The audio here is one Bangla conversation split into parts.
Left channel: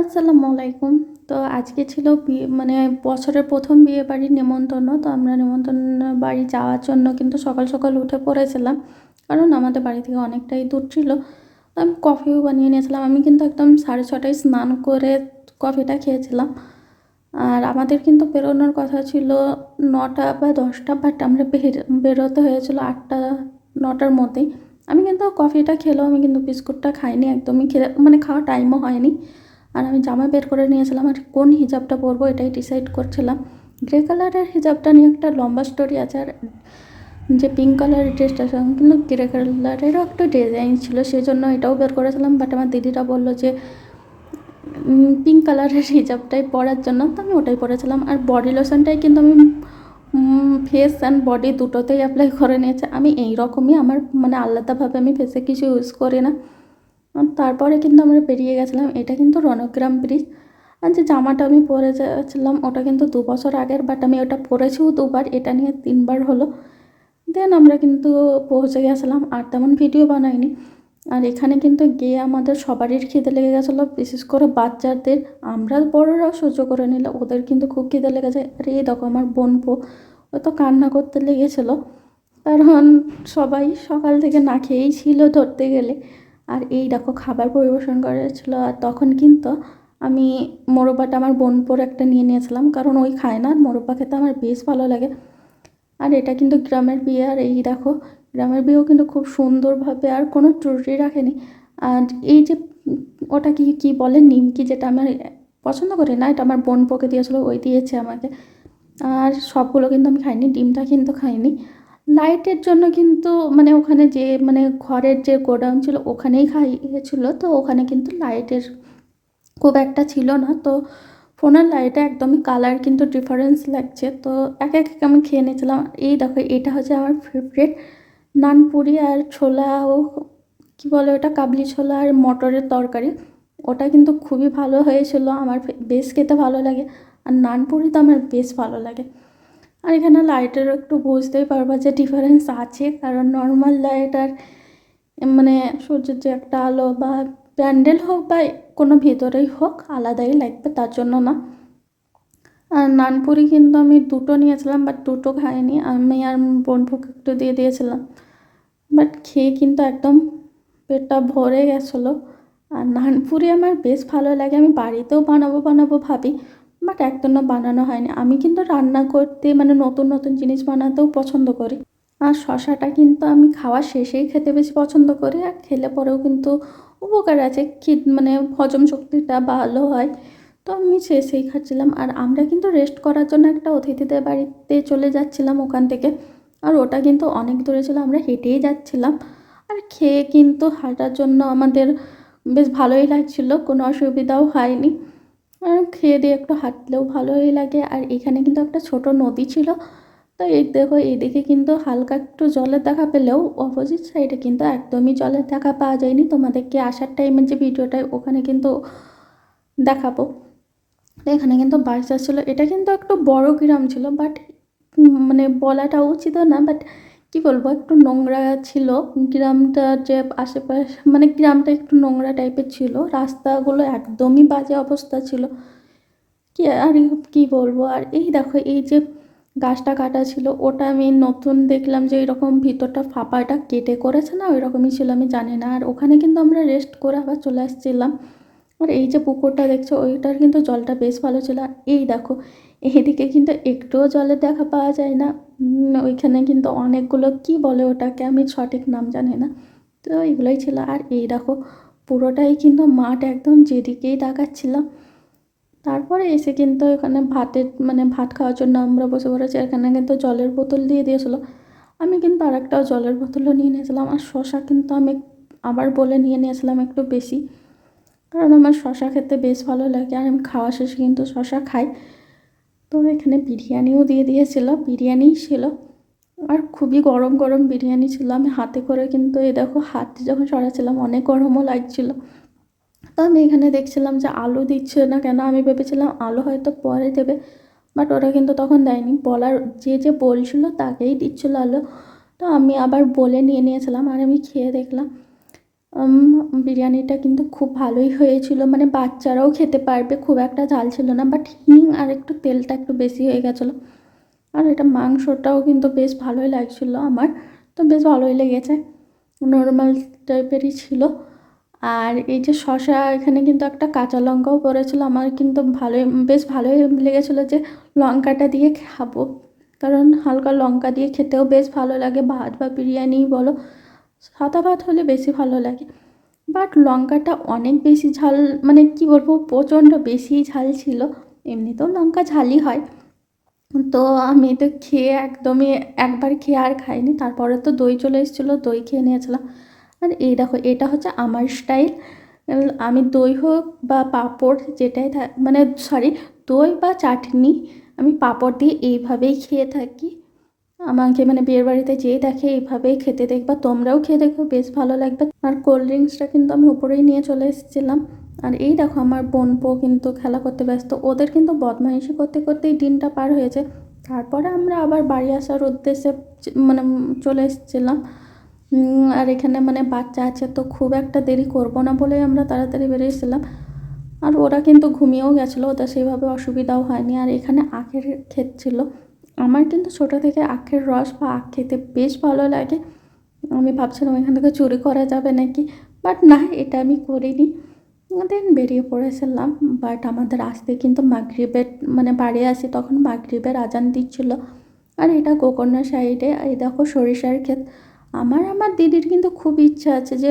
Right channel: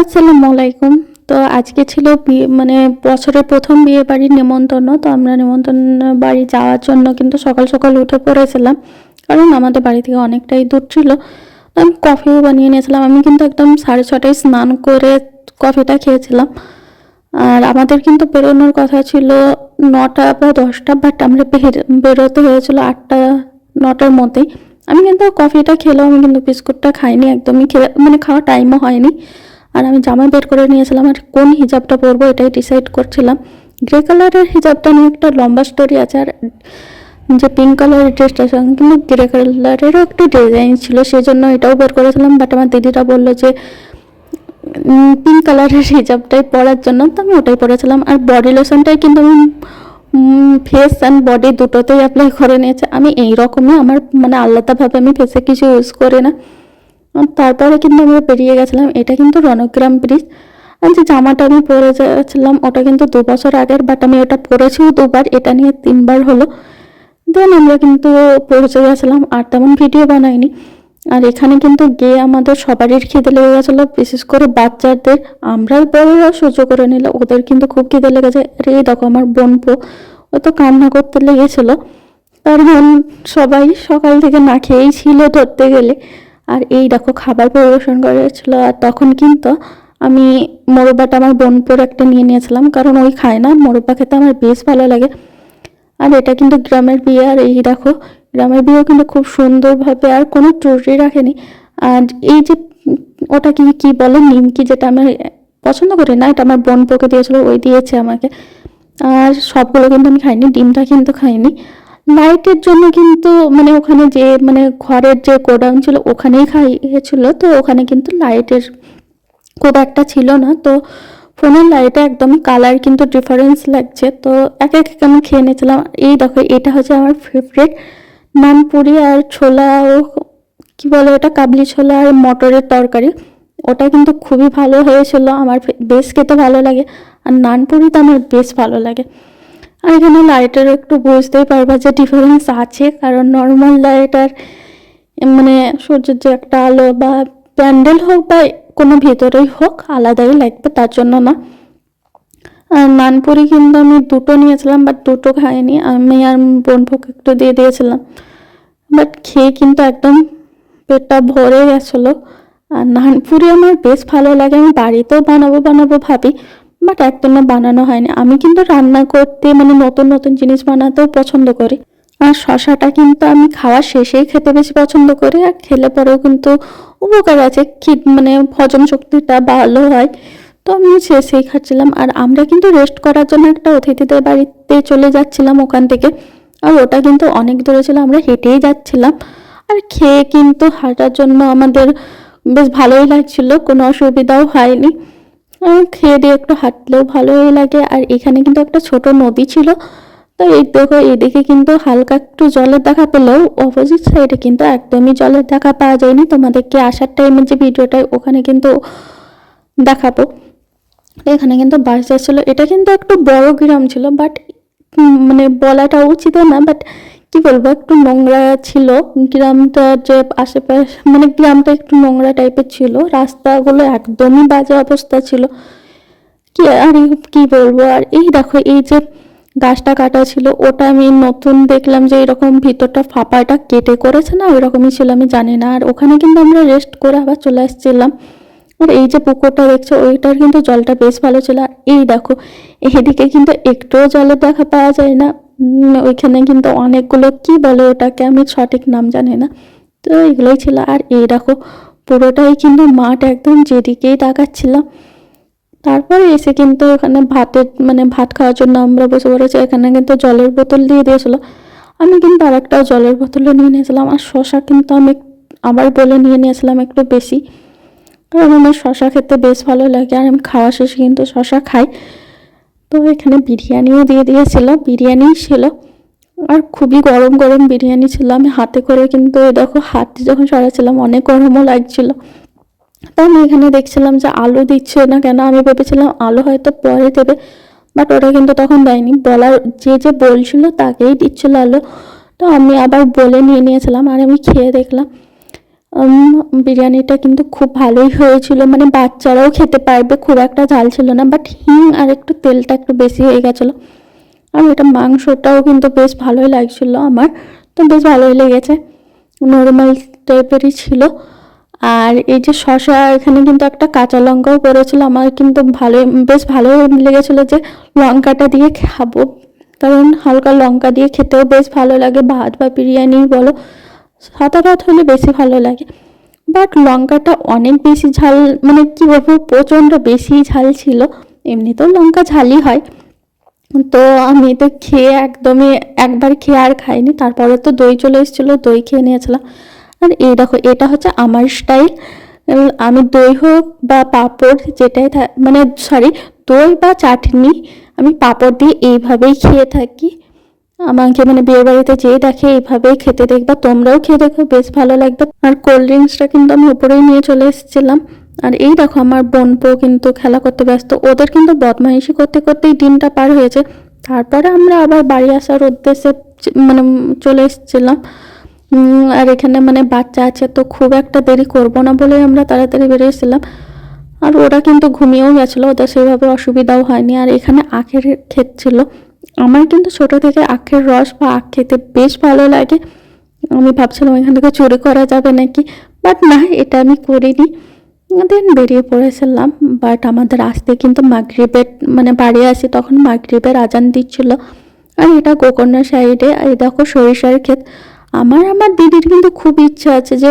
আসসালামু আলাইকুম। তো আজকে ছিল মানে বছরের প্রথম বিয়ে বাড়ির নেমন্তন্ন। তো আমরা নেমন্তন্ন বাড়ি যাওয়ার জন্য কিন্তু সকাল সকাল উঠে পড়েছিলাম, কারণ আমাদের বাড়ি থেকে অনেকটাই দূর ছিল। তো আমি কফিও বানিয়ে নিয়েছিলাম। আমি কিন্তু একদম 6:30টায় স্নান করে কফিটা খেয়েছিলাম। আর আমাদের কিন্তু বেরোনোর কথা ছিল 9টা বা 10টা, বাট আমরা বেরোতে হয়েছিল 8টা 9টার মধ্যেই। আমি কিন্তু কফিটা খেলেও আমি কিন্তু বিস্কুটটা খাইনি, একদমই মানে খাওয়ার টাইমও হয়নি। আর আমি জামা বের করে নিয়েছিলাম আর কোন হিজাবটা পরবো এটাই ডিসাইড করছিলাম। গ্রে কালারের হিজাবটা নিয়ে একটা লম্বা স্টোরি আছে, আর যে পিঙ্ক কালারের ড্রেসটার সঙ্গে কিন্তু গ্রে কালারেরও একটা ডিজাইন ছিল, সেই জন্য এটাও বের করেছিলাম। বাট আমার দিদিরা বললো যে পিঙ্ক কালারের হিজাবটাই পরার জন্য, তো আমি ওটাই পরেছিলাম। আর বডি লোশনটাই কিন্তু আমি ফেস অ্যান্ড বডি দুটোতেই অ্যাপ্লাই করে নিয়েছি। আমি এইরকমই, আমার মানে আলাদাভাবে আমি ফেসে কিছু ইউজ করি না। তারপরে কিন্তু আমরা বেরিয়ে গেছিলাম। এটা কিন্তু রণগ্রাম ব্রিজ। আর যে জামাটা আমি পরে যাচ্ছিলাম ওটা কিন্তু 2 বছর আগের, বাট আমি ওটা পরেছিও 2বার, এটা নিয়ে 3বার হলো। দেন আমরা কিন্তু পৌঁছে গেছিলাম, আর তেমন ভিডিও বানাইনি। আর এখানে কিন্তু গিয়ে আমাদের সবারই খিদে লেগে গেছিলো, বিশেষ করে বাচ্চাদের। আমরা বড়রা সহ্য করে নিল, ওদের কিন্তু খুব খিদে লেগেছে। আর এই দেখো আমার বোনপো, ও তো কান্না করতে লেগেছিল, কারণ সবাই সকাল থেকে না খেয়েই ছিল ধরতে গেলে। আর এই দেখো খাবার পরিবেশন করেছিল। আর তখন কিন্তু আমি মোরব্বাটা আমার বোনপোর একটা নিয়ে নিয়েছিলাম, কারণ ওই খায় না, মোরব্বা খেতে আমার বেশ ভালো লাগে। আর এটা কিন্তু গ্রামের বিয়ে। আর এই দেখো গ্রামের বিয়েও কিন্তু খুব সুন্দরভাবে, আর কোনো ত্রুটি রাখেনি। আর এই যে ওটা কি কি বলে, নিমকি, যেটা আমি পছন্দ করি না, এটা আমার বোনপোকে দিয়েছিল, ওই দিয়েছে আমাকে। আর সবগুলো কিন্তু আমি খাইনি, ডিমটা কিন্তু খাইনি। লাইটের জন্য কিন্তু মানে ওখানে যে মানে ঘরের যে গোডাউন ছিল ওখানেই খাইয়েছিল, তো ওখানে কিন্তু লাইটের খুব একটা ছিল না। তো ফোনের লাইটে একদমই কালার কিন্তু ডিফারেন্স লাগছে। তো এক এক আমি খেয়ে নিয়েছিলাম। এই দেখো এটা হচ্ছে আমার ফেভারিট নানপুরি আর ছোলা, ও কী বলে ওটা, কাবলি ছোলা আর মটরের তরকারি। ওটা কিন্তু খুবই ভালো হয়েছিল, আমার বেশ খেতে ভালো লাগে। আর নানপুরি তো আমার বেশ ভালো লাগে। আর এখানে লাইটের একটু বুঝতেই পারবা যে ডিফারেন্স আছে, কারণ নর্মাল লাইট আর মানে সূর্যের যে একটা আলো বা প্যান্ডেল হোক বা কোনো ভেতরেই হোক আলাদাই লাগবে, তার জন্য না। আর নানপুরি কিন্তু আমি দুটো নিয়েছিলাম, বাট দুটো খাইনি, আমি আর বোনপোকে একটু দিয়ে দিয়েছিলাম। বাট খেয়ে কিন্তু একদম পেটটা ভরে গেছিলো। আর নানপুরি আমার বেশ ভালো লাগে, আমি বাড়িতেও বানাবো বানাবো ভাবি, বাট একদমই বানানো হয়নি। আমি কিন্তু রান্না করতে মানে নতুন নতুন জিনিস বানাতেও পছন্দ করি। আর শশাটা কিন্তু আমি খাওয়া শেষেই খেতে বেশি পছন্দ করি, আর খেলে পরেও কিন্তু উপকার আছে, মানে হজম শক্তিটা ভালো হয়। তো আমি শেষেই খাচ্ছিলাম। আর আমরা কিন্তু রেস্ট করার জন্য একটা অতিথিদের বাড়িতে চলে যাচ্ছিলাম ওখান থেকে। আর ওটা কিন্তু অনেক দূরে ছিল, আমরা হেঁটেই যাচ্ছিলাম। আর খেয়ে কিন্তু হাঁটার জন্য আমাদের বেশ ভালোই লাগছিল, কোনো অসুবিধাও হয়নি। খেয়ে দিয়ে একটু হাঁটলেও ভালোই লাগে। আর এখানে কিন্তু একটা ছোট নদী ছিল। তো এই দেখো এদিকে কিন্তু হালকা একটু জলের দেখা পেলেও অপোজিট সাইডে কিন্তু একদমই জলের দেখা পাওয়া যায়নি। তোমাদেরকে আসার টাইমে যে ভিডিওটা ওখানে কিন্তু দেখাবো। এখানে কিন্তু বাস যাচ্ছিলো। এটা কিন্তু একটু বড় গ্রাম ছিল, বাট মানে বলাটা উচিত না, বাট কি বলবো, একটু নোংরা ছিল গ্রামটা, যে আশেপাশে মানে গ্রামটা একটু নোংরা টাইপের ছিল, রাস্তাগুলো একদমই বাজে অবস্থা ছিল। কি আর কি বলবো। আর এই দেখো এই যে গাছটা কাটা ছিল, ওটা আমি নতুন দেখলাম যে এরকম ভিতরটা ফাঁপাটা কেটে করেছে না, ওইরকমই ছিল, আমি জানি না। আর ওখানে কিন্তু আমরা রেস্ট করে আবার চলে আসছিলাম। আর এই যে পুকুরটা দেখছো ওইটার কিন্তু জলটা বেশ ভালো ছিল। আর এই দেখো এইদিকে কিন্তু একটুও জলের দেখা পাওয়া যায় না। ওইখানে কিন্তু অনেকগুলো কি বলে ওটাকে, আমি সঠিক নাম জানি না। তো এগুলোই ছিল। আর এই দেখো পুরোটাই কিন্তু মাঠ, একদম যেদিকেই তাকাচ্ছিলাম। তারপরে এসে কিন্তু এখানে মানে ভাত খাওয়ার জন্য আমরা বসে পড়েছি। এখানে কিন্তু জলের বোতল দিয়ে দিয়েছিল, আমি কিন্তু আর একটা জলের বোতলও নিয়ে নিয়েছিলাম। আর শশা কিন্তু আমি আবার বলে নিয়ে নিয়েছিলাম একটু বেশি, কারণ আমার শশা খেতে বেশ ভালো লাগে, আর আমি খাওয়া শেষে কিন্তু শশা খাই। তো এখানে বিরিয়ানিও দিয়ে দিয়েছিল, বিরিয়ানি ছিল, আর খুবই গরম গরম বিরিয়ানি ছিল। আমি হাতে করে কিন্তু দেখো হাতে যখন সরাচ্ছিলাম অনেক গরমও লাগছিল। তো আমি এখানে দেখছিলাম যে আলু দিচ্ছে না কেন, আমি ভেবেছিলাম আলু হয়তো পরে দেবে, বাট ওরা কিন্তু তখন দেয়নি। বলার যে যে বলছিল তাকেই দিচ্ছিল আলু। তো আমি আবার বলে নিয়ে নিয়েছিলাম, আর আমি খেয়ে দেখলাম বিরিয়ানিটা কিন্তু খুব ভালোই হয়েছিল, মানে বাচ্চারাও খেতে পারবে, খুব একটা ঝাল ছিল না, বাট হিং আর একটু তেলটা একটু বেশি হয়ে গেছিলো। আর এটা মাংসটাও কিন্তু বেশ ভালোই লাগছিলো আমার, তো বেশ ভালোই লেগেছে, নর্মাল টাইপেরই ছিল। আর এই যে শসা, এখানে কিন্তু একটা কাঁচা লঙ্কাও পড়েছিল, আমার কিন্তু বেশ ভালো লেগেছিলো যে লঙ্কাটা দিয়ে খাবো, কারণ হালকা লঙ্কা দিয়ে খেতেও বেশ ভালো লাগে, ভাত বা বিরিয়ানি বলো, সাদা ভাত হলে বেশি ভালো লাগে। বাট লঙ্কাটা অনেক বেশি ঝাল, মানে কী বলবো, প্রচণ্ড বেশি ঝাল ছিল। এমনিতেও লঙ্কা ঝালই হয়, তো আমি তো খেয়ে একদমই, একবার খেয়ে আর খাইনি, তারপরে তো দই চলে এসেছিলো, দই খেয়ে নিয়েছিলাম। আর এই দেখো, এটা হচ্ছে আমার স্টাইল, আমি দই হোক বা পাঁপড় যেটাই মানে সরি, দই বা চাটনি আমি পাঁপড় দিয়ে এইভাবেই খেয়ে থাকি। আমাকে মানে বিয়ে বাড়িতে যেয়ে দেখে এইভাবেই খেতে দেখবা, তোমরাও খেয়ে দেখো, বেশ ভালো লাগবে। আর কোল্ড ড্রিঙ্কসটা কিন্তু আমি উপরেই নিয়ে চলে এসেছিলাম। আর এই দেখো, আমার বোনপো কিন্তু খেলা করতে ব্যস্ত, ওদের কিন্তু বদমাইশি করতে করতেই দিনটা পার হয়েছে। তারপরে আমরা আবার বাড়ি আসার উদ্দেশ্যে মানে চলে এসেছিলাম। আর এখানে মানে বাচ্চা আছে, তো খুব একটা দেরি করবো না বলে আমরা তাড়াতাড়ি বেরিয়েছিলাম। আর ওরা কিন্তু ঘুমিয়েও গেছিলো, ওদের সেভাবে অসুবিধাও হয়নি। আর এখানে আখের ক্ষেত ছিল, আমার কিন্তু ছোটো থেকে আখের রস বা আখ খেতে বেশ ভালো লাগে। আমি ভাবছিলাম এখান থেকে চুরি করা যাবে নাকি, বাট না, এটা আমি করিনি। দেন বেরিয়ে পড়েছিলাম, বাট আমাদের আসতে কিন্তু মাগরিবের, মানে বাড়ি আসি তখন মাগরিবের আজান দিচ্ছিল। আর এটা গোকর্ণ সাইডে, এই দেখো সরিষার ক্ষেত। আমার দিদির কিন্তু খুব ইচ্ছা আছে যে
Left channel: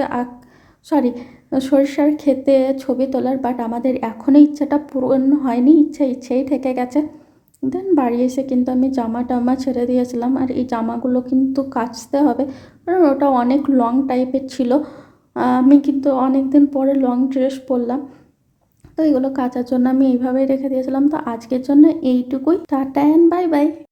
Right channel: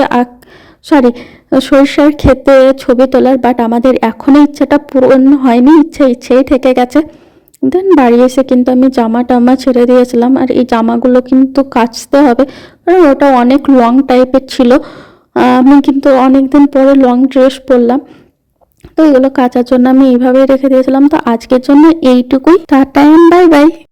সরিষার ক্ষেতে ছবি তোলার, বাট আমাদের এখনো ইচ্ছাটা পূরণ হয়নি, ইচ্ছেই থেকে গেছে। দেন বাড়ি এসে কিন্তু আমি জামা টামা ছেড়ে দিয়েছিলাম, আর এই জামাগুলো কিন্তু কাচতে হবে, কারণ ওটা অনেক লং টাইপের ছিল। আমি কিন্তু অনেকদিন পরে লং ড্রেস পরলাম, তো এগুলো কাচার জন্য আমি এইভাবেই রেখে দিয়েছিলাম। তো আজকের জন্য এইটুকুই, টাটা এন্ড বাই বাই।